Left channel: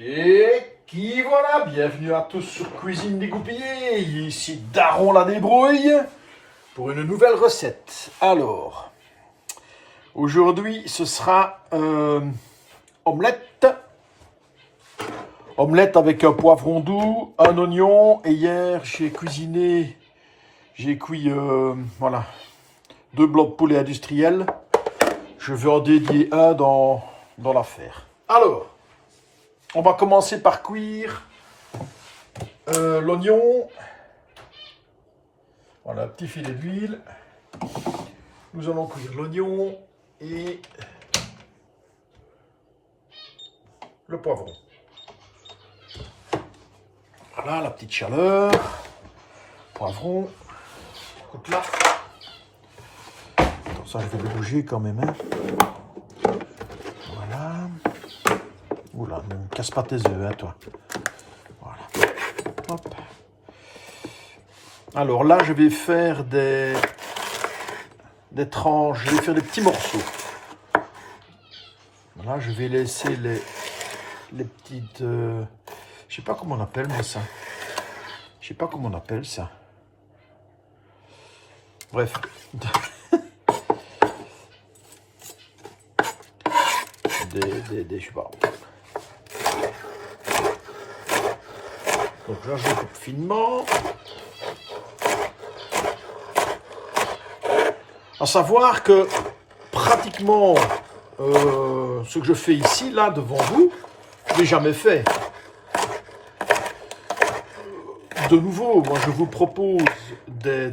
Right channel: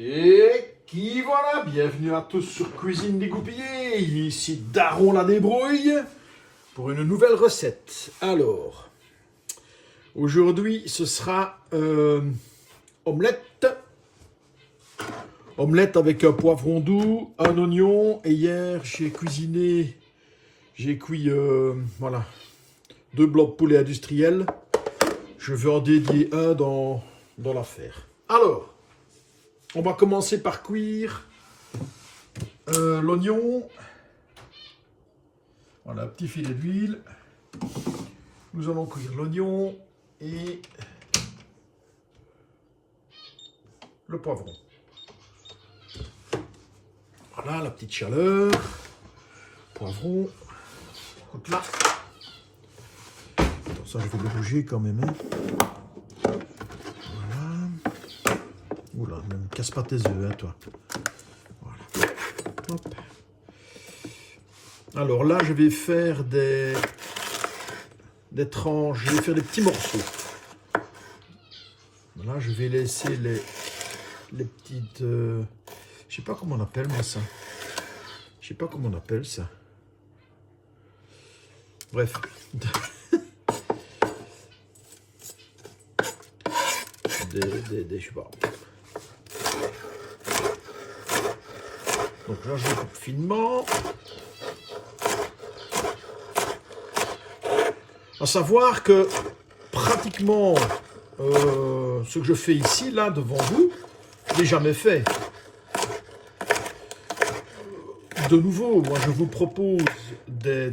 Et qui voilà, bienvenue à tous sur Cuisine Dégoupillée, ici Daron la débrouille pour une nouvelle recette. Alors, aujourd'hui ce sera omelette. Omelette avec un poivron doux, un oignon, et hier j'ai cuit voilà, 2 blocs de poulet industriel. Je vais en dédier un dans l'affaire. Alors, on va commencer par cuire l'oignon. Voilà, un petit filet d'huile. Nous allons cuire l'oignon et le poivron. Voilà, la petite chaleur. Poivron. Écoute là. Attends, ça, je vais le bouger quand même. Hein. Voilà. Oula, ne me casse pas tes œufs, hein, toi. Voilà. Hop. Alors là, je vais faire des tranches. Je vais faire des petits morceaux. Là, je vais laisser les petites... je sais pas comment on appelle moi ça. Je sais pas comment on appelle ça. Bref. Je sais pas. Donc là, je coupe finement. À savoir que pratiquement ce que je fais ici, là, devant vous, je n'ai jamais fait. De nouveau, moi, je vous propose des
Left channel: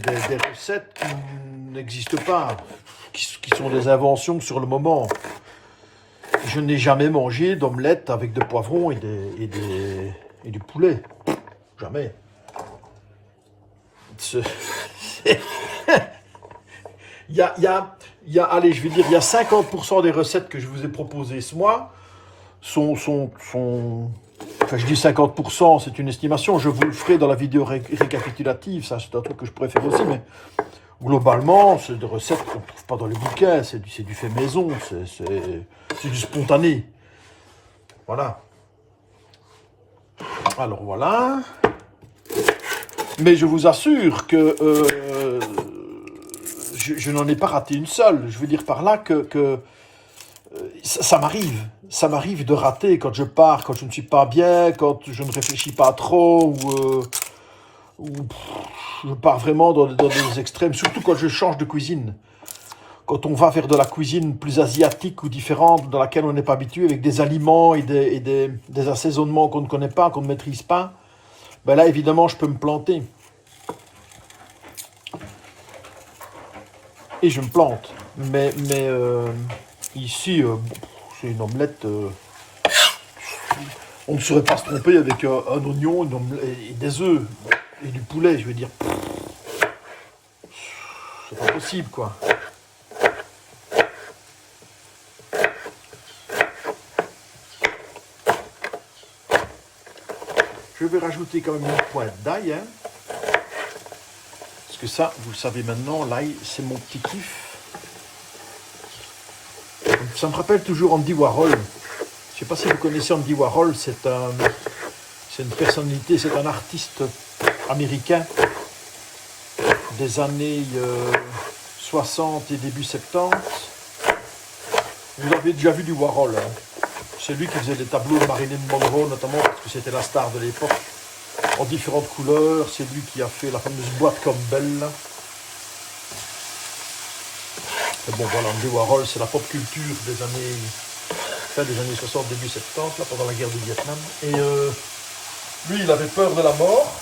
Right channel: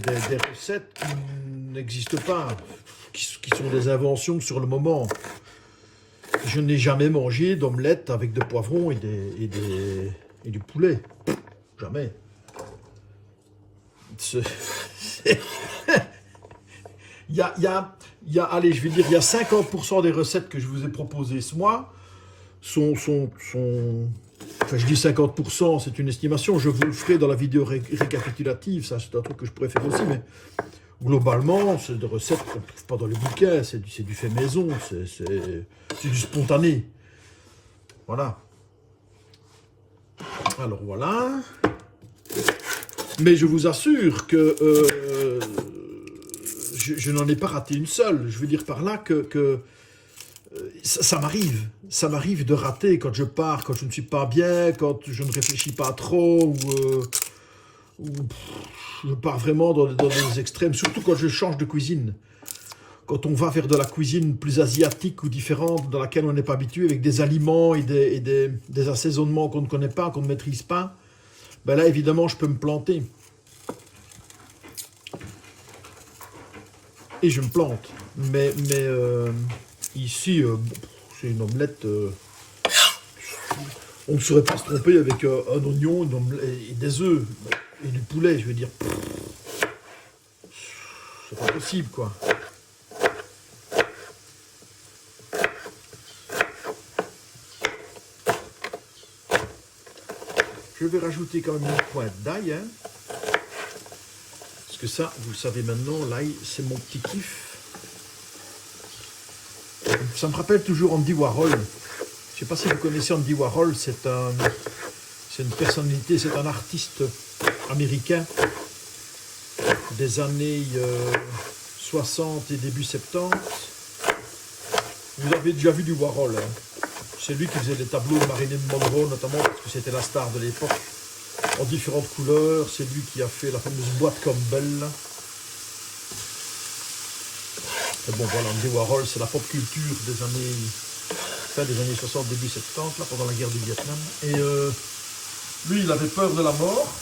recettes qui n'existent pas, qui sont des inventions sur le moment. Je n'ai jamais mangé d'omelette avec de poivrons et du poulet. Jamais. Allez, je vais dire, il y a 50% des recettes que je vous ai proposées ce mois sont enfin, je dis 50%, c'est une estimation. Je vous le ferai dans la vidéo récapitulative. Ça, c'est un truc que je pourrais faire aussi, mais globalement, c'est des recettes qu'on ne trouve pas dans les bouquins. C'est du fait maison, c'est du spontané. Voilà. Alors voilà. Mais je vous assure que je n'en ai pas raté une seule. Je veux dire par là que ça m'arrive de rater quand je pars, quand je ne suis pas bien, quand je ne réfléchis pas trop, ou je pars vraiment dans des extrêmes, surtout quand je change de cuisine. Quand on va vers de la cuisine plus asiatique ou différente, dans laquelle on n'est pas habitué, avec des aliments et des assaisonnements qu'on ne connaît pas, qu'on ne maîtrise pas, ben là, évidemment, je peux me planter. Et je me plante. Mais ici, c'est une omelette. On ne saurait pas se tromper avec un oignon et des œufs et du poulet, je veux dire. C'est pas possible, quoi. Je vais rajouter quand même une pointe d'ail, hein. Parce que ça, vous le savez maintenant, l'ail, c'est mon petit kiff. Ça me rappelle toujours Andy Warhol. Je ne sais pas si vous connaissez Andy Warhol, c'est une personnalité, c'est un artiste américain des années 60 et début 70. Vous avez déjà vu du Warhol, hein. C'est lui qui faisait des tableaux de Marilyn Monroe, notamment parce que c'était la star de l'époque, en différentes couleurs. C'est lui qui a fait la fameuse boîte Campbell. Et bon, voilà, Andy Warhol, c'est la pop culture des années 60, début 70, là, pendant la guerre du Vietnam. Et lui, il avait peur de la mort.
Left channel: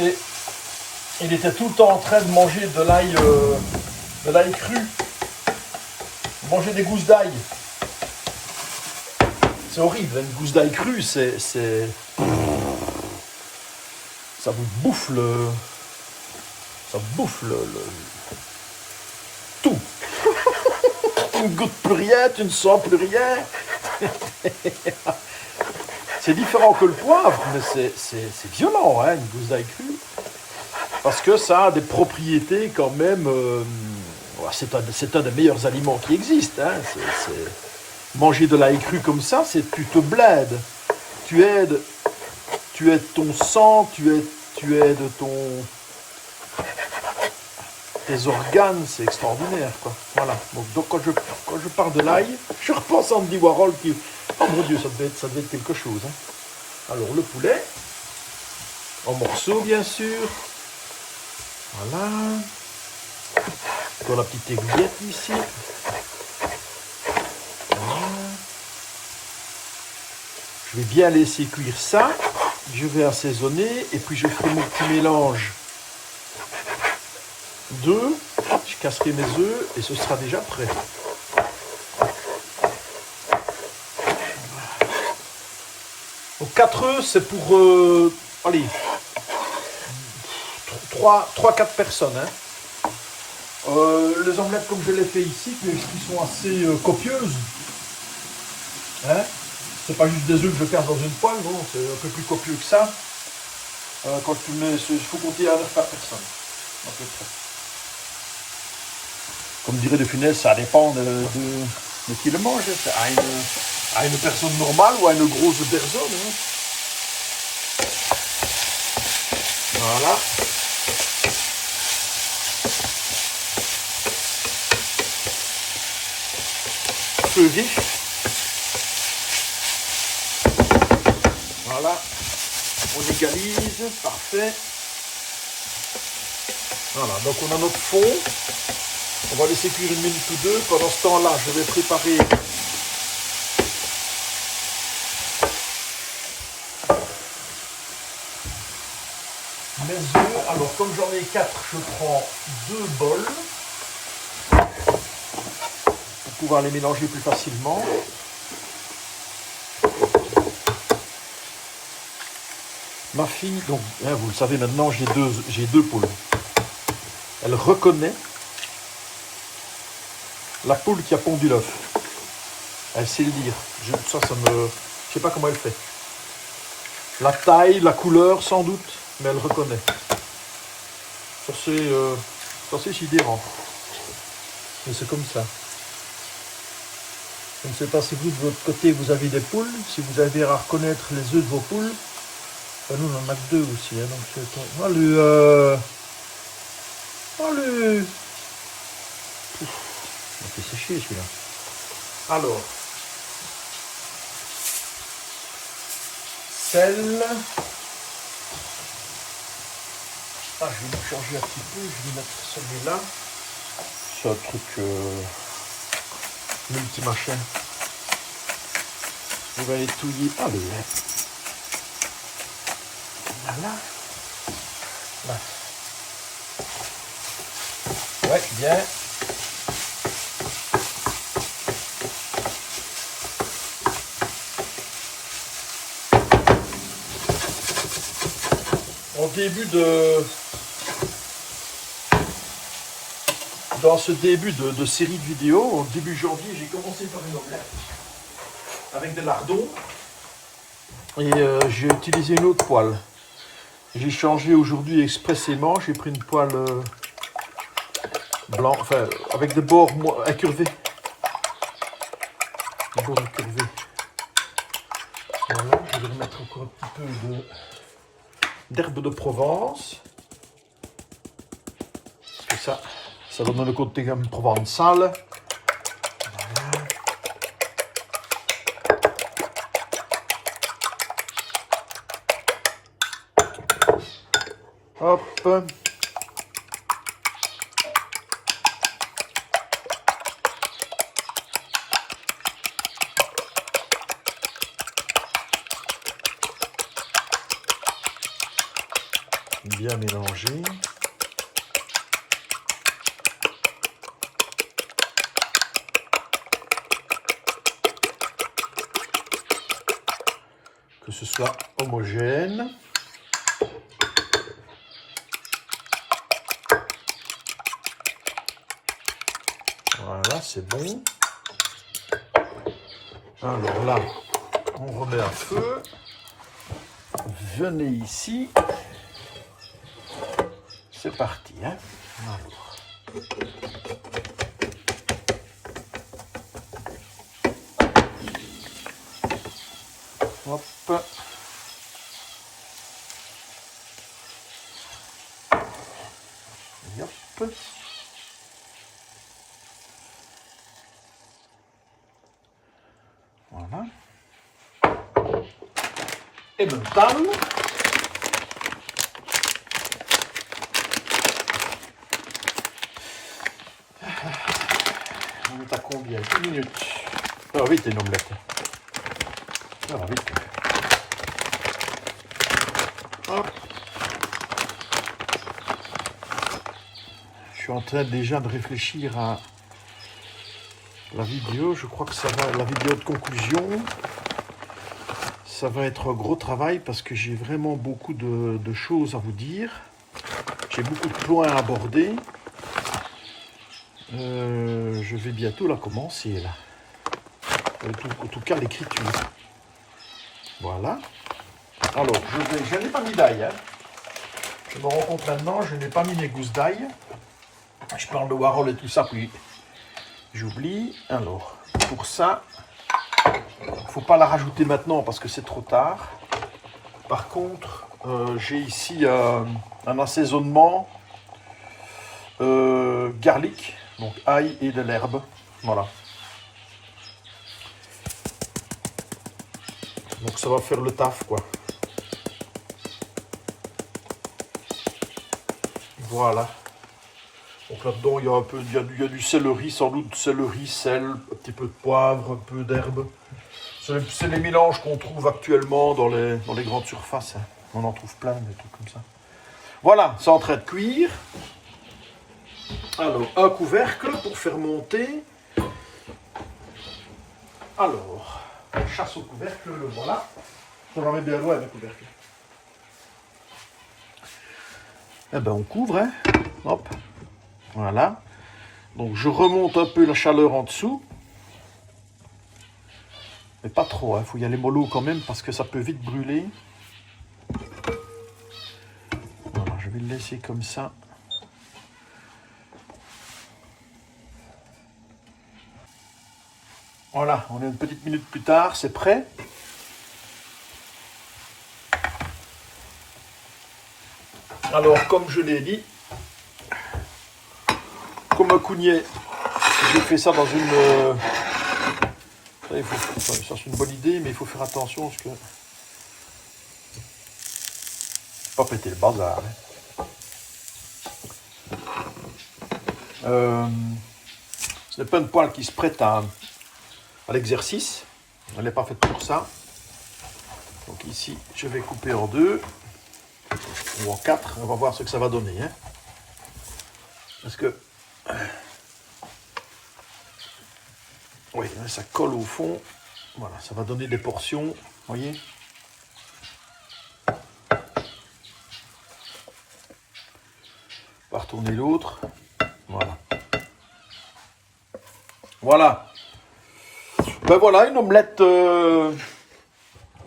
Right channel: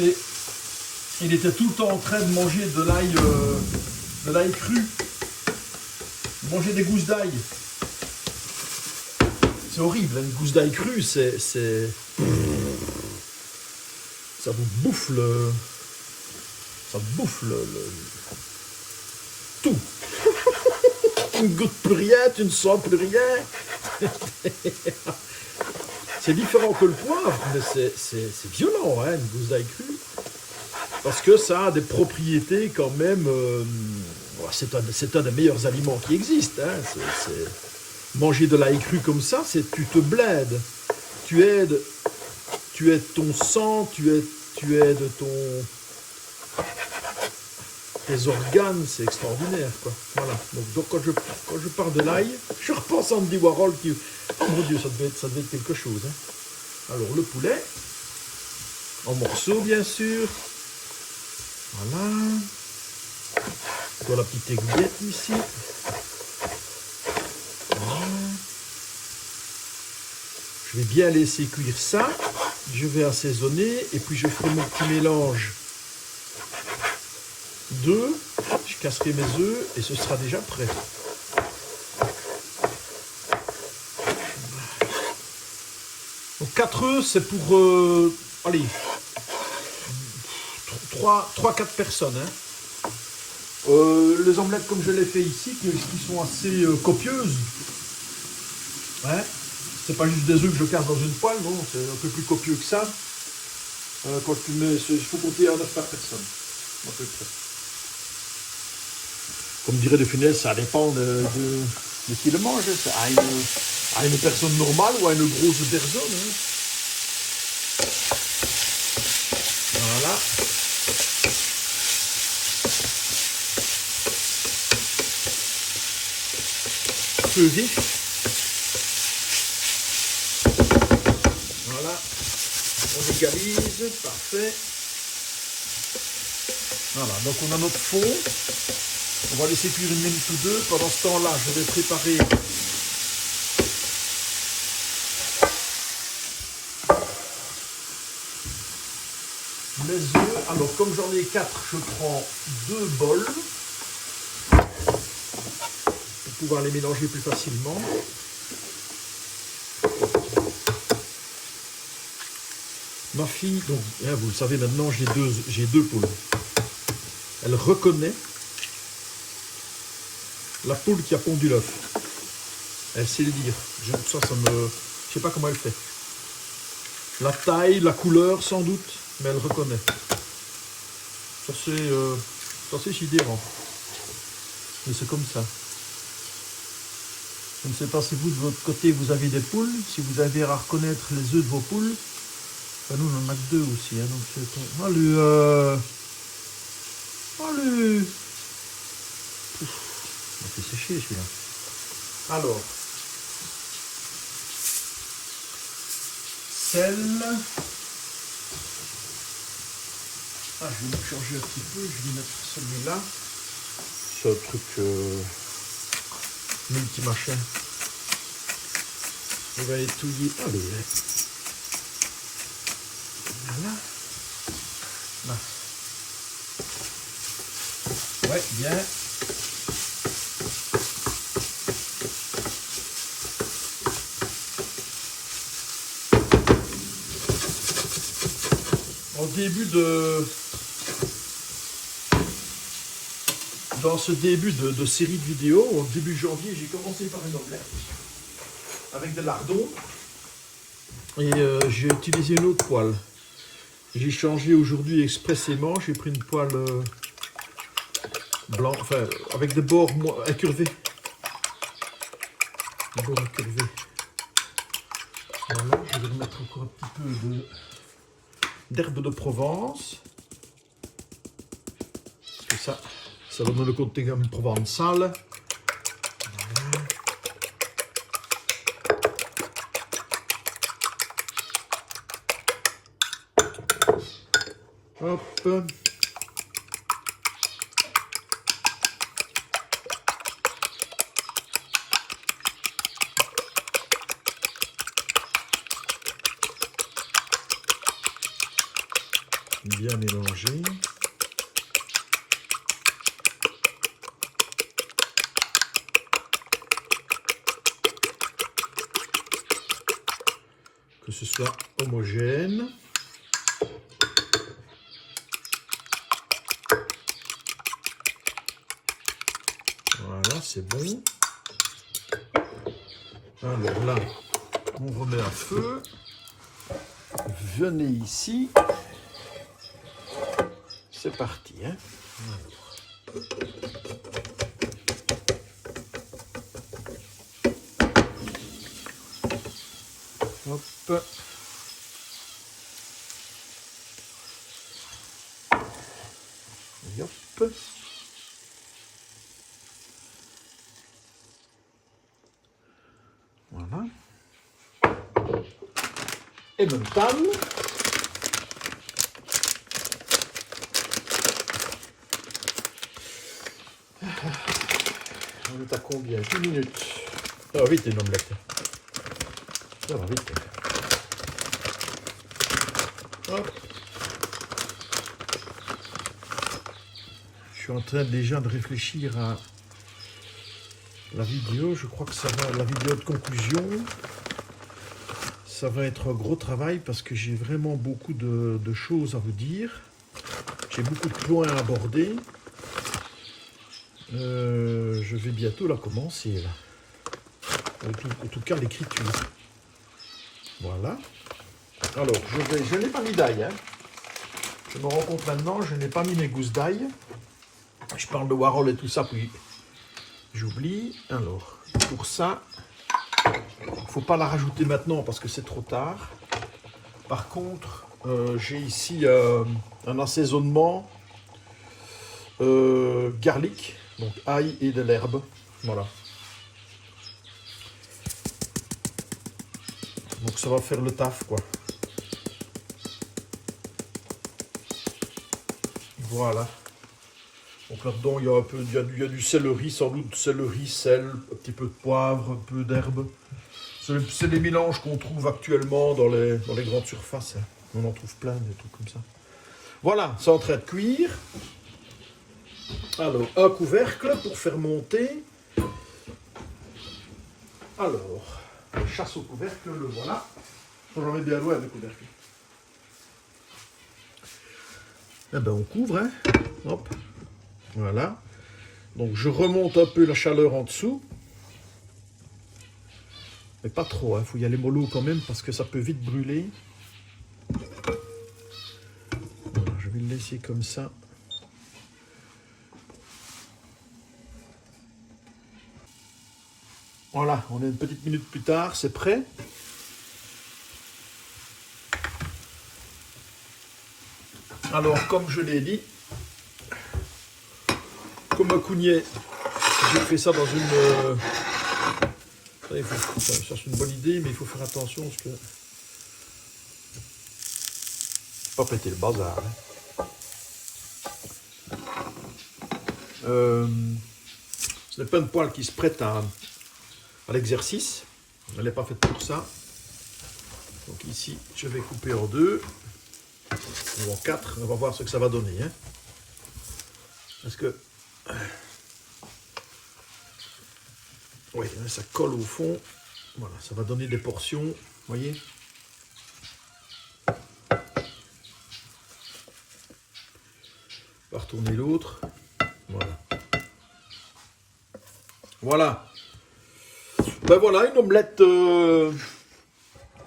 Et il était tout le temps en train de manger de l'ail cru. Manger des gousses d'ail. C'est horrible, une gousse d'ail crue, ça vous bouffe tout. Tu ne goûtes plus rien, tu ne sens plus rien. C'est différent que le poivre, mais c'est violent, hein, une gousse d'ail crue. Parce que ça a des propriétés quand même... c'est un des meilleurs aliments qui existent. Hein, Manger de l'ail cru comme ça, c'est tu te blèdes. Tu aides ton sang, tu aides tes organes, c'est extraordinaire, quoi. Voilà. Donc quand je parle de l'ail, je repense à Andy Warhol qui... Oh mon Dieu, ça devait être quelque chose. Hein. Alors le poulet, en morceaux bien sûr. Voilà. Dans la petite aiguillette ici. Voilà. Je vais bien laisser cuire ça. Je vais assaisonner et puis je ferai mon petit mélange d'œufs. Je casserai mes œufs et ce sera déjà prêt. Donc 4 œufs, c'est pour allez, 3-4 personnes. Hein. Les omelettes comme je les fais ici, qui sont assez copieuses. Hein. C'est pas juste des œufs que je casse dans une poêle, non, c'est un peu plus copieux que ça. Quand tu mets, il faut compter à 9 par personne, à peu près. Comme dirait De Funès, ça dépend de qui le mange. À une personne normale ou à une grosse personne. Hein. Voilà. Feu vif. Voilà. On égalise. Parfait. Voilà. Donc on a notre fond. On va laisser cuire 1 minute ou 2. Pendant ce temps-là, je vais préparer mes œufs. Alors, comme j'en ai 4, je prends 2 bols pour pouvoir les mélanger plus facilement. Ma fille, donc, hein, vous le savez maintenant, j'ai deux poules. Elle reconnaît la poule qui a pondu l'œuf. Elle sait le dire. Je sais pas comment elle fait. La taille, la couleur, sans doute, mais elle reconnaît. Ça c'est sidérant. Mais c'est comme ça. Je ne sais pas si vous, de votre côté, vous avez des poules. Si vous avez à reconnaître les œufs de vos poules. Enfin, nous, on en a que 2 aussi. Hein, donc, allez. Il fait sécher celui-là. Alors, sel. Ah, je vais le changer un petit peu. Je vais mettre celui-là. C'est un truc multi-machin. Je vais étouiller. Allez. Voilà. Là. Ouais, bien. Dans ce début de série de vidéos, au début janvier, j'ai commencé par une omelette avec des lardons et j'ai utilisé une autre poêle. J'ai changé aujourd'hui expressément, j'ai pris une poêle blanc, enfin avec des bords incurvés. Des bords incurvés. Voilà, je vais remettre encore un petit peu d'herbe de Provence. Parce que ça donne le côté comme provençal. Voilà. Hop. Bien mélangé. Que ce soit homogène. Voilà, c'est bon. Alors là, on remet à feu. Venez ici. C'est parti. Hein. Alors. Hop. Et hop. Voilà. Et maintenant, on est à combien? 10 minutes. Ça va vite, une omelette. Ça va vite. Hop. Je suis en train déjà de réfléchir à la vidéo. Je crois que ça va, la vidéo de conclusion. Ça va être un gros travail parce que j'ai vraiment beaucoup de choses à vous dire. J'ai beaucoup de points à aborder. Je vais bientôt la commencer là. En tout cas l'écriture. Voilà. Alors, je n'ai pas mis d'ail. Hein. Je me rends compte maintenant, je n'ai pas mis mes gousses d'ail. Je parle de Warhol et tout ça, puis j'oublie. Alors, pour ça, il ne faut pas la rajouter maintenant parce que c'est trop tard. Par contre, j'ai ici un assaisonnement garlic, donc ail et de l'herbe. Voilà. Donc ça va faire le taf, quoi. Voilà. Donc là-dedans, il y a un peu, il y a du céleri, sans doute céleri, sel, un petit peu de poivre, un peu d'herbe. C'est les mélanges qu'on trouve actuellement dans les grandes surfaces. Hein. On en trouve plein, des trucs comme ça. Voilà, c'est en train de cuire. Alors, un couvercle pour faire monter. Alors, chasse au couvercle, le voilà. Ça va mettre bien loin le couvercle. Eh ben, on couvre, hein. Hop. Voilà. Donc, je remonte un peu la chaleur en dessous. Mais pas trop, il faut y aller mollo quand même parce que ça peut vite brûler. Voilà, je vais le laisser comme ça. Voilà, on est une petite minute plus tard, c'est prêt. Alors, comme je l'ai dit, comme un cougnet, j'ai fait ça dans une... Ça, c'est une bonne idée, mais il faut faire attention parce que... Pas péter le bazar. Hein. Ce n'est pas une poêle qui se prête à l'exercice. Elle n'est pas faite pour ça. Donc ici, je vais couper en 2 ou en 4. On va voir ce que ça va donner. Hein. Parce que... Oui, ça colle au fond. Voilà, ça va donner des portions. Vous voyez? On va retourner l'autre. Voilà. Voilà. Ben voilà, une omelette,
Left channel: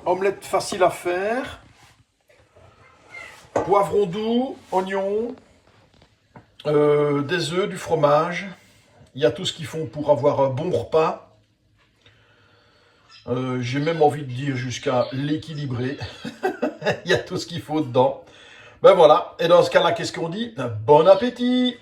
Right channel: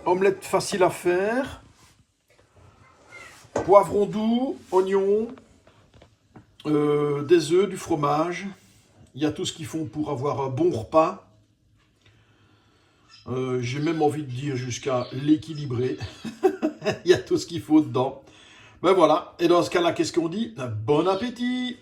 omelette facile à faire. Poivron doux, oignons, des œufs, du fromage. Il y a tout ce qu'il faut pour avoir un bon repas. J'ai même envie de dire jusqu'à l'équilibrer. Il y a tout ce qu'il faut dedans. Ben voilà. Et dans ce cas-là, qu'est-ce qu'on dit? Bon appétit!